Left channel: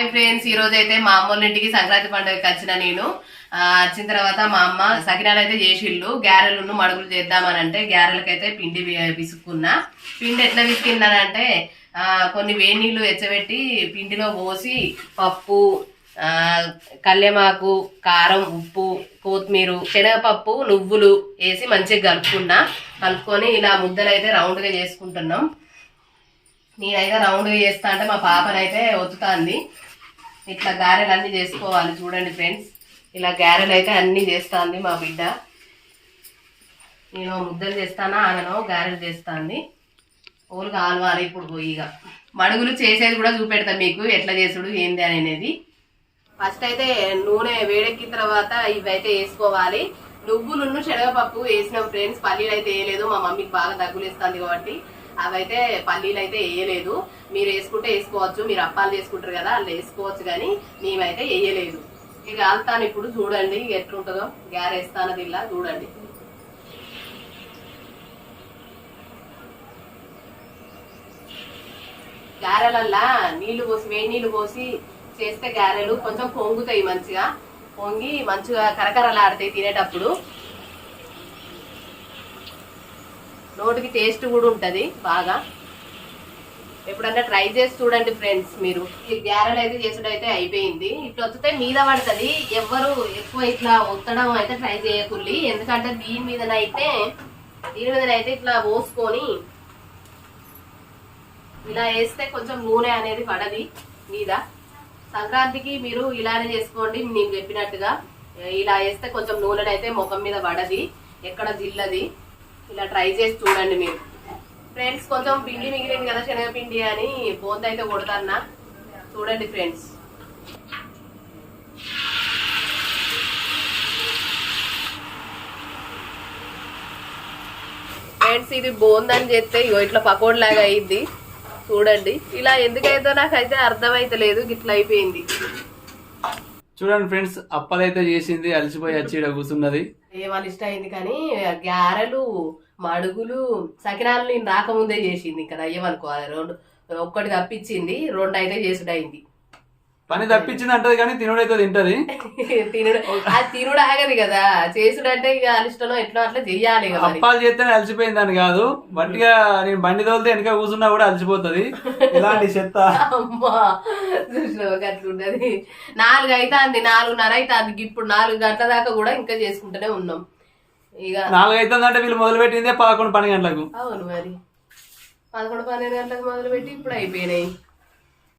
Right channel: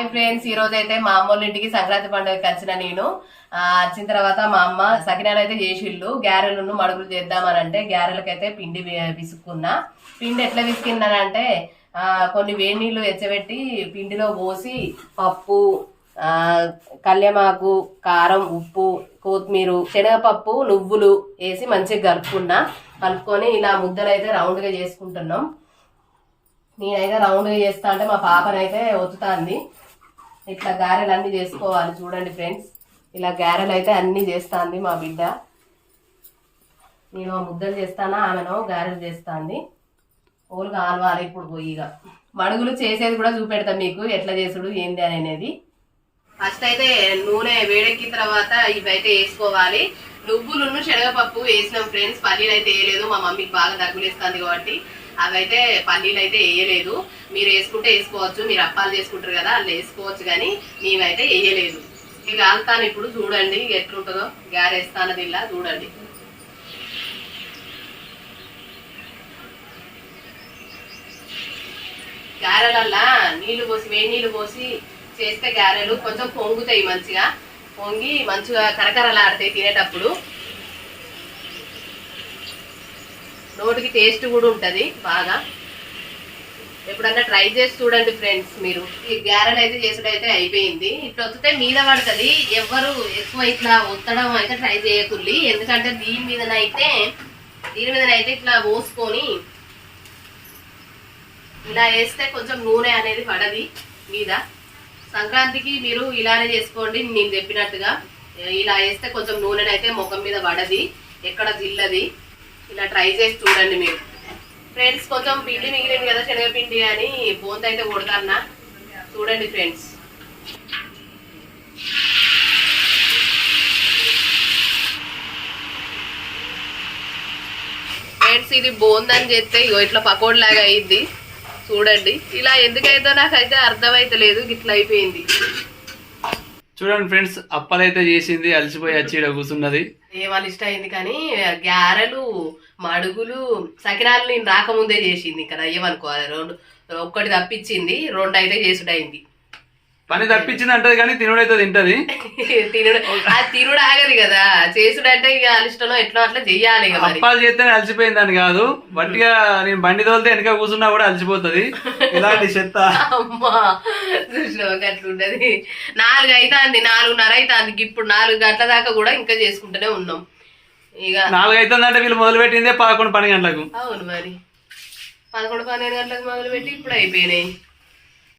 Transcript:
Hi friends, ఈ రోజు అయితే మా అమ్మోళ్ళ ఇంటికి సంక్రాంతి పండుగకి వచ్చిన నేను. వచ్చిన తర్వాత మా అమ్మ సకినాలు అయితే చేసిళ్ళు. గ్యారెలను మడుగులు చేద్దామని అంటే గ్యారెలకైతే పిండి విసుక్కున్నా. పిండి ఎట్లా విసికిందనంటే కొన్ని వేడి నీళ్లు వెచ్చబెట్టి పిండిలో పోసి పప్పు, కళ్యమాకు, కారం, ఉప్పు, కొత్తిమీర, శనగపప్పు, నువ్వులు వేసి మంచిగా కలుపుకొని ఇలా ముద్దలు అయితే రౌండ్గా చేసుకుంటున్నాం. నేనైతే రౌండ్గా చేస్తా అంటే మా పాపనైతే ఒత్తుతాంది. ఇట్లా గారెలు అన్నీ చేసుకోవాలి. చూడండి ఫ్రెండ్స్, ఇలా గారెలు అయితే అన్నీ చేస్తాంది మా బిడ్డ. నేను ముద్దలు చేస్తానా ఆమెను గారెలు చేస్తాంది. ఓలు కావాలి ఇప్పుడు పోయిగా మడుగులు చేసేది కూడా చూపెడతాను మీకు, ఎట్లా చేసుడు ఏంది అనేది. ఫస్ట్ అయితే నూనె వేడెక్కిన తర్వాత ఇవైతే వేసుకోవాలి. నువ్వులున్ను శనగపప్పు వేసినాం ఫ్రెండ్స్. పల్లీలు అయితే వేయలేదు, మా మమ్మీకి బాగా దగ్గులు వేస్తుంది కాబట్టి అవైతే పల్లీలు అయితే వేయలేదు. మీరు వేసుకుంటే వేసుకోవచ్చు, మీరు అప్పాలు చేసుకుంటారు కదా అలా వేసుకోవచ్చు, కానీ మేమైతే వేయలేదు. ఇక కాలుతాను ఇప్పుడు, చూడండి ఎట్లుంటుందో. గారేస్తానది ఇలా చూడండి. గారెలల్లా నీళ్లు పోసి వేడి నీళ్లు పోసి చేస్తే గారెలు కొంచెం పొంగుతాయి, మంచిగా పొంగి మంచిగా కరకరలాడతాయి తినేటప్పుడు. నోటికి టేస్ట్ కూడా ఉంటుంది బాగా. ఎప్పుడన్నా ట్రై చేసి చూడండి ఫ్రెండ్స్ మీరు. ఈ గ్యారెలు అయితే చేసుడైతే అయిపోయింది. ఇట్లా వస్తే మీద పడుతుంది. ఎవరు ఎక్కువ ఇట్లా ఒత్తడం అయితే ట్రై చేయకుల్లి, ఎందుకంటే దీని మీదనైతే ఇట్లా పోసుకొని ఇలా వేస్తే కొంచెం నూనె అనేది పడది మీద. సంక్రాంతికి మీరు ఇలానే చేసుకోండి, నేను చెప్పినట్టుగా. ఇలా వేస్తే కొంచెం నూనెనైతే ముఖం మీద పడది, ఎక్కడ జిల్లది. ఇలా ట్రై చేసి చూడండి మీరు ఫ్రెండ్స్. కొంచెం పిండి మిగిలింది కదా శనగపిండి అని బోంత అయితే కొడతాన్నా. చూడండి ఫ్రెండ్స్. ఇది బోందని చెప్తే ఇగో ఇట్లా పకోడీలాగా అయింది. చూడండి ఇలా ఎందుకైతే నాకైతే అర్థమైతలేదు, ఇట్లా అయిపోయింది. చూడండి ఫ్రెండ్స్, అప్పలైతే చేసింది, అలసిపోయి వచ్చి ఇక్కడ కూర్చున్నది. ఏమని ఇష్టం అయింది, కానీ గారెలు, మడుగులు, సకినాలు నేను రాకముందే చేసింది. కదా ఏమనుకోవాలి, ఒక్కటి తప్పించింది, 2 అయితే చేసుడైంది. పని తప్పించింది అంటది కానీ తినుడైతే తింటది. తినుడు ఆగది కదా, చేసుడంటే ఇక అలిష్టనో ఎట్లా అట్లా చెయ్యాలి. అప్పాలు చేస్తేనే అలసిపోయిందని కాదు, బట్టిగా నేను బండి తోలితే వెనక కూర్చున్నా కూడా అలసిపోతుంది. ఇలాంటి చెత్త అమ్మా చూసినావు అట్లుంటది. 4 అవుతుంది, 4:30 అవుతుంది. ఇప్పుడు 4 గంటల దాకా కూడా ఇంకా చేసుకుంటూనే ఉన్నాం. ఇక 4 అవుతుందంటే వీళ్ళు మొదలు పెట్టిందే 11-12 గంటలకు. అవును మరి, 11-12 గంటలకు మొదలు పెట్టి ఇప్పుడు అయిపోయినాయి.